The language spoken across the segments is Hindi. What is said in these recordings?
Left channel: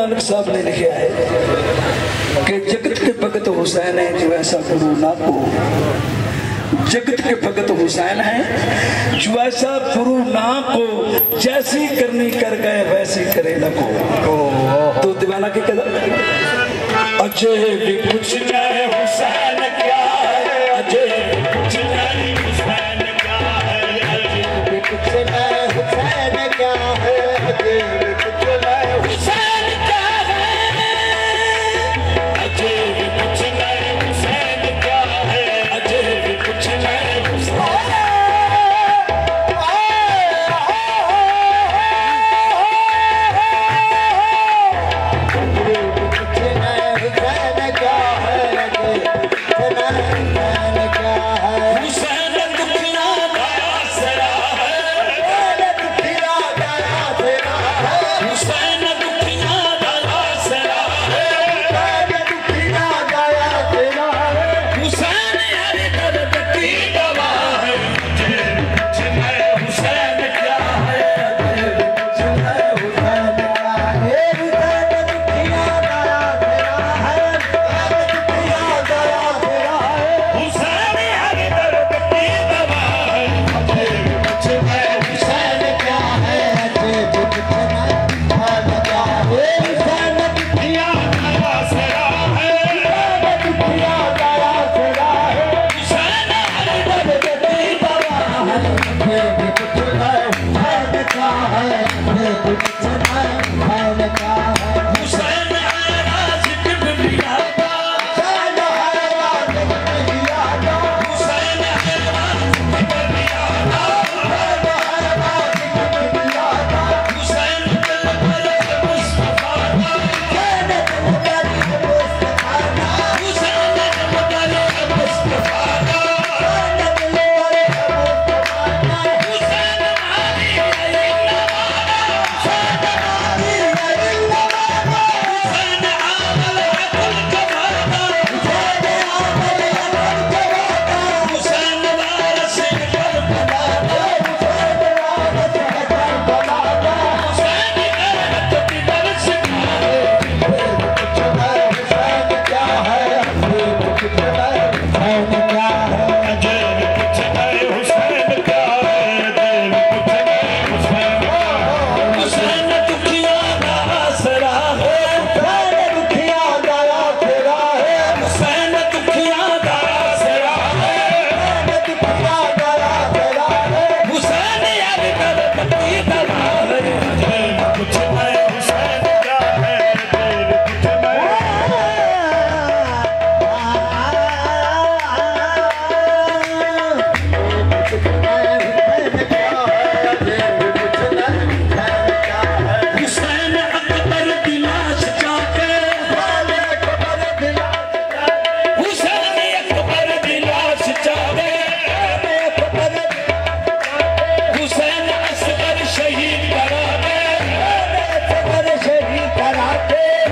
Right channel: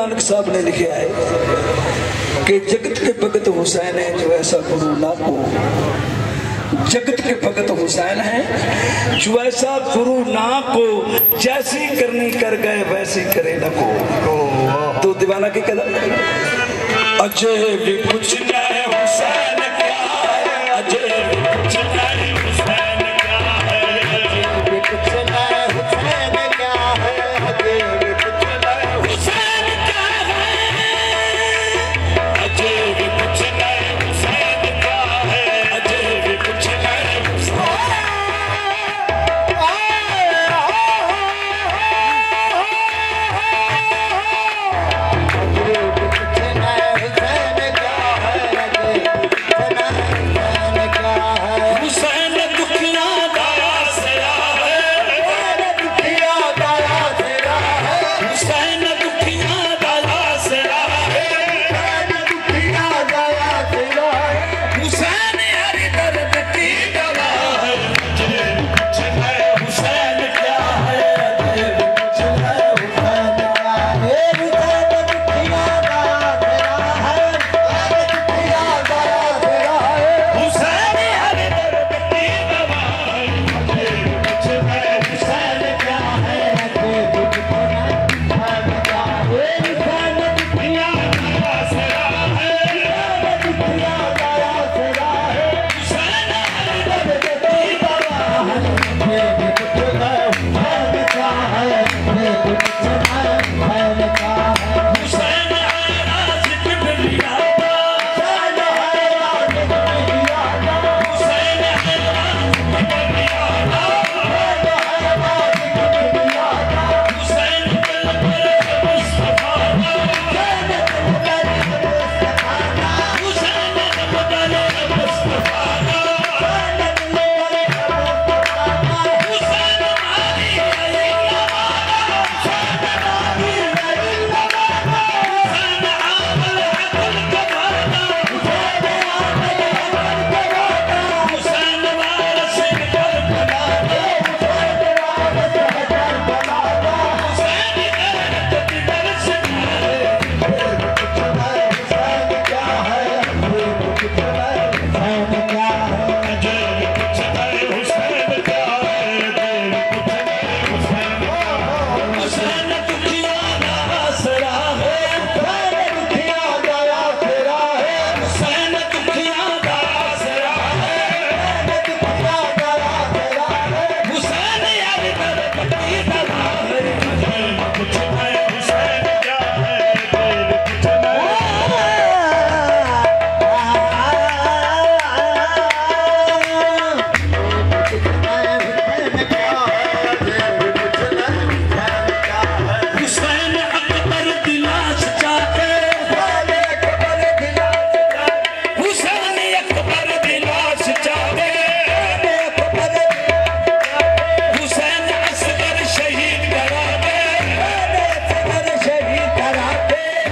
नानक साहब ने लिखा है कि जगत के भगत हुसैन है जो ऐसा गुरु ना को, जगत के भगत हुसैन है जो ऐसा गुरु ना को, जैसी करनी कर गए वैसी करे न को। तो दीवाना की कदर अजय भी कुछ नहीं हुसैन क्या है, अजय भी कुछ नहीं हुसैन क्या है, अजय भी कुछ नहीं हुसैन क्या है, अजय भी कुछ नहीं हुसैन क्या है, अजय भी कुछ नहीं हुसैन क्या है, अजय भी कुछ नहीं हुसैन।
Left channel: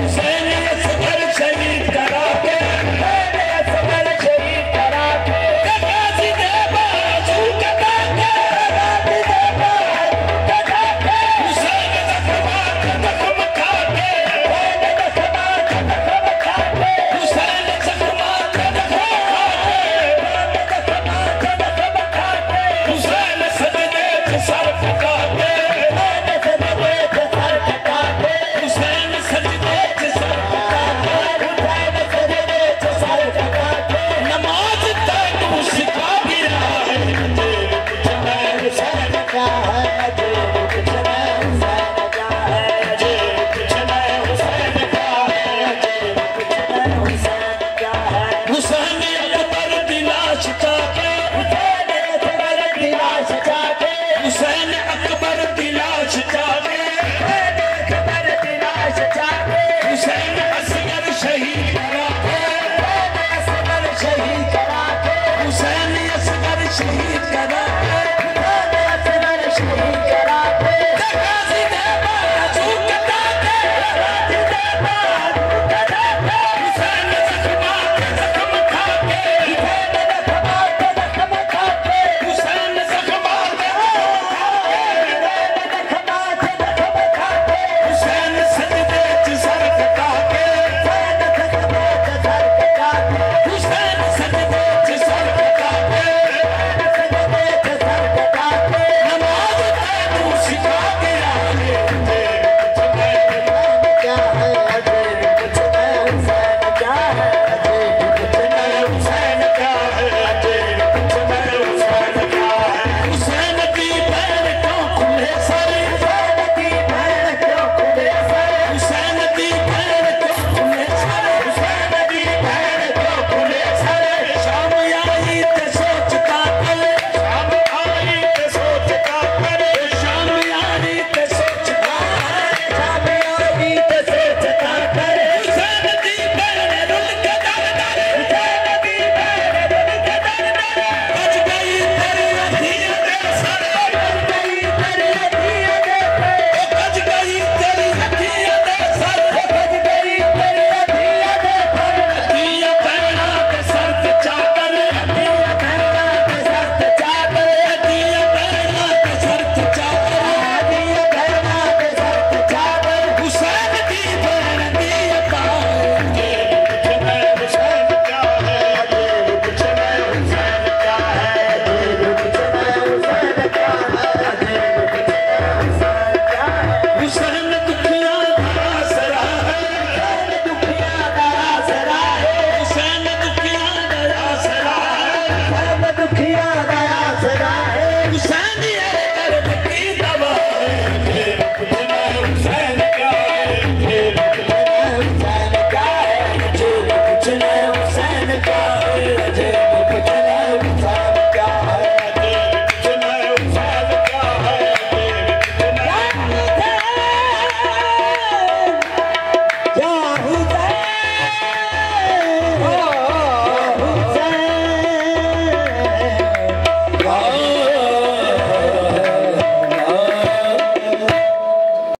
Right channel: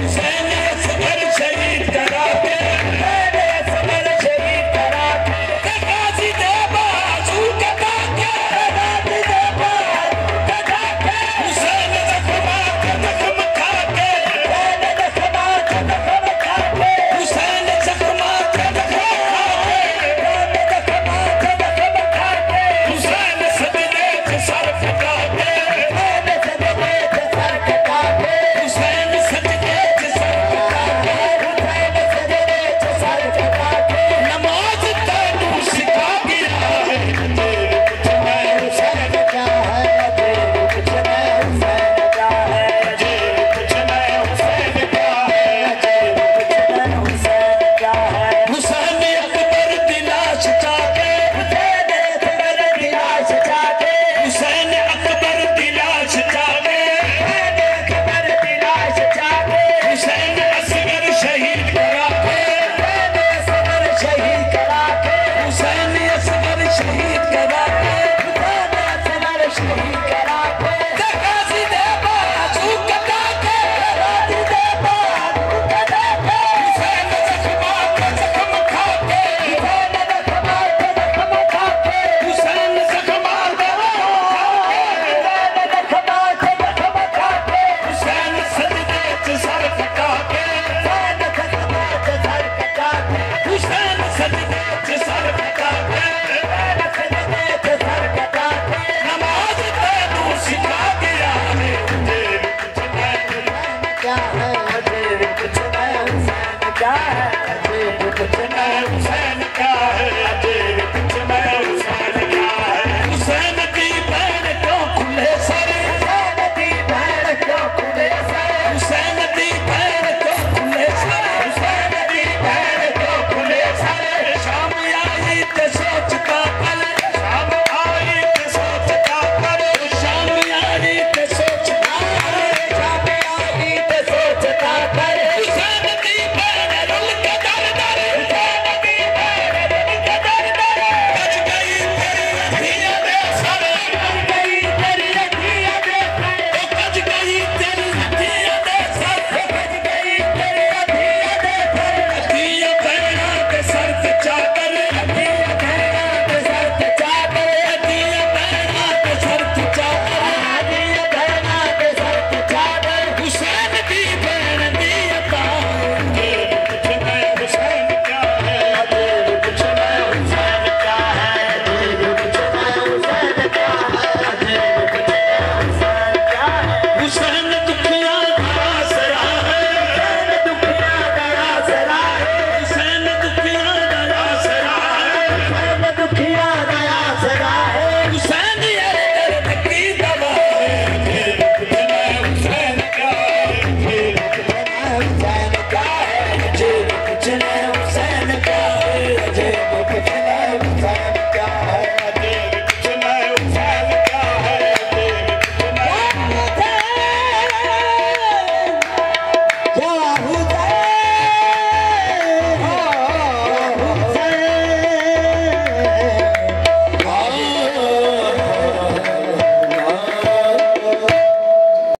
Say